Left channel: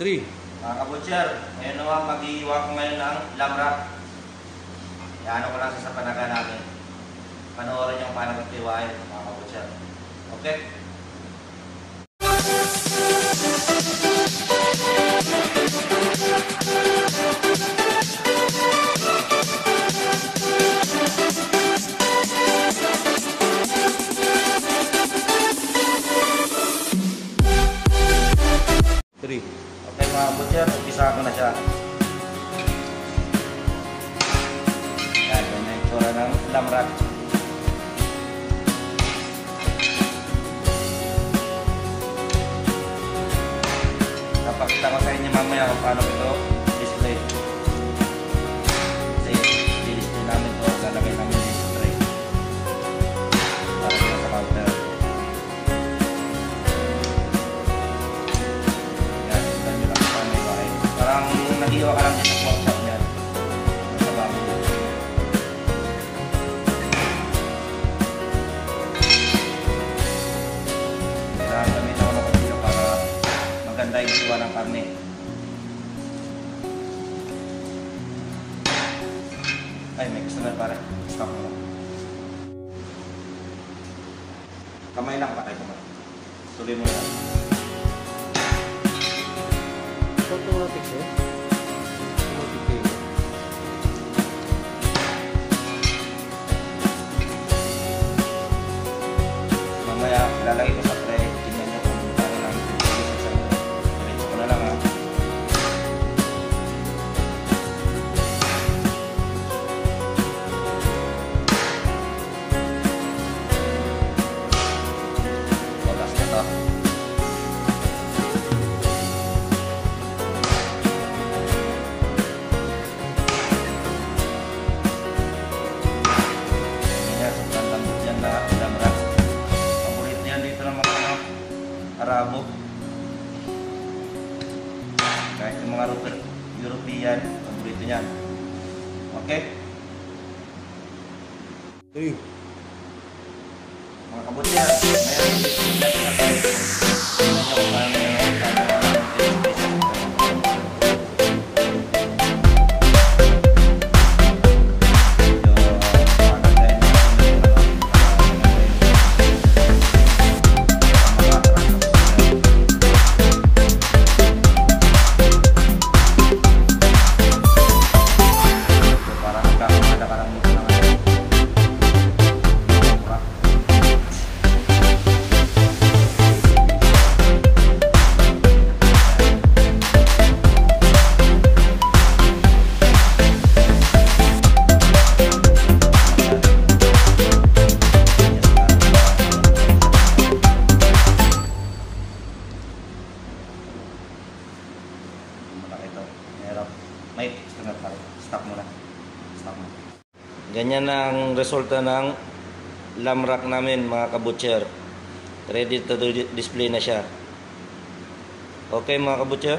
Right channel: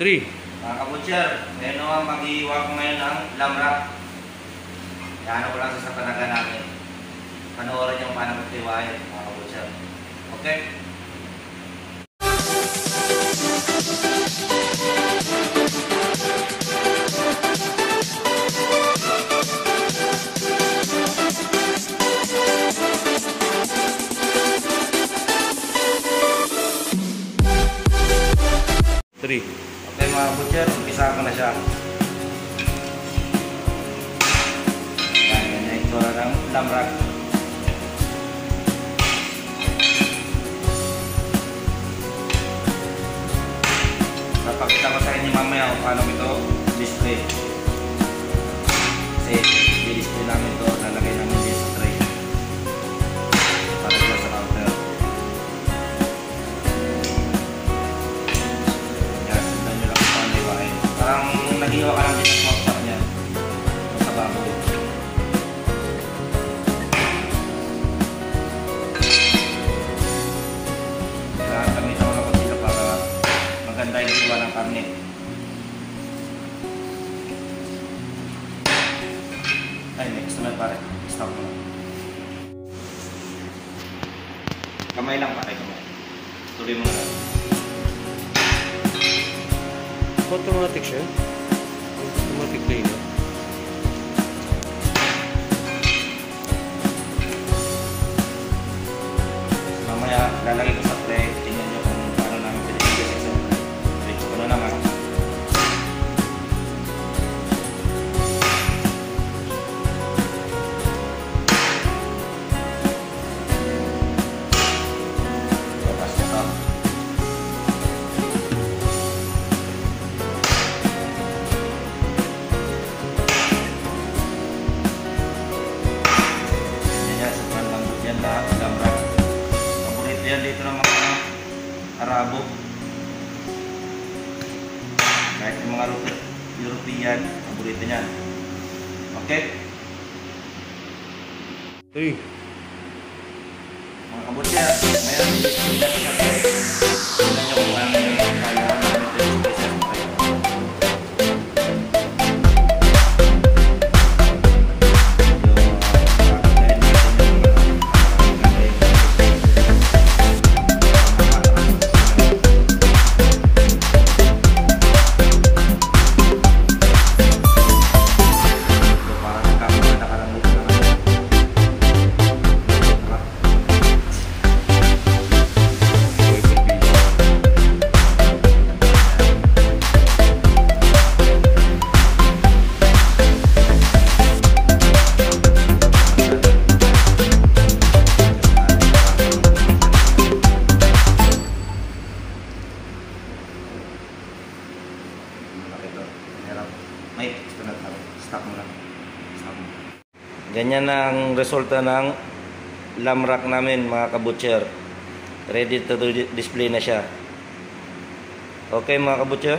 3. Mga kabutcher, ngayon naman mag-iwag ngayon ng lamrak. Yan ko lang sa talaga namin. Panoorin yung paano magtiwain, mga kabutcher. Okay? Okay mga kabutcher, umpisa ko na siya. Yan, yun na yung tura ng lamrak. Napakita ko sa inyo mamaya kung paano ito display. Kasi i-display namin ito, lalagay namin yung tray para dito sa counter. Yan, sundan nyo lang ito ang liwain. Parang nag-iwa ka lang din sa porta niya sa bago dito. Kailangan kami ito lang dito para maganda yung iwa ng karne. Ay, next na pare. Stop mo lang. Kamay lang pare, kamay. Tuloy mo lang. Automatic siya. Automatic kayo. Mamaya, lalagay ko sa tray. Tingnan nyo kung paano namin pinag-isip sa tray. Una lang ha. Bukas na to. Yan, sa bandang yan lang. Paborito yan dito ng mga Arabo. Kahit yung mga European, paborito yan. Okay? 3. Mga kabutcher, ngayon, tingnan nyo guys. Tingnan nyo kung ano yung stop mo lang. Stop mo. Ganyan ang resulta ng lamrak namin mga kabutcher. Ready to display na siya. Okay mga kabutcher?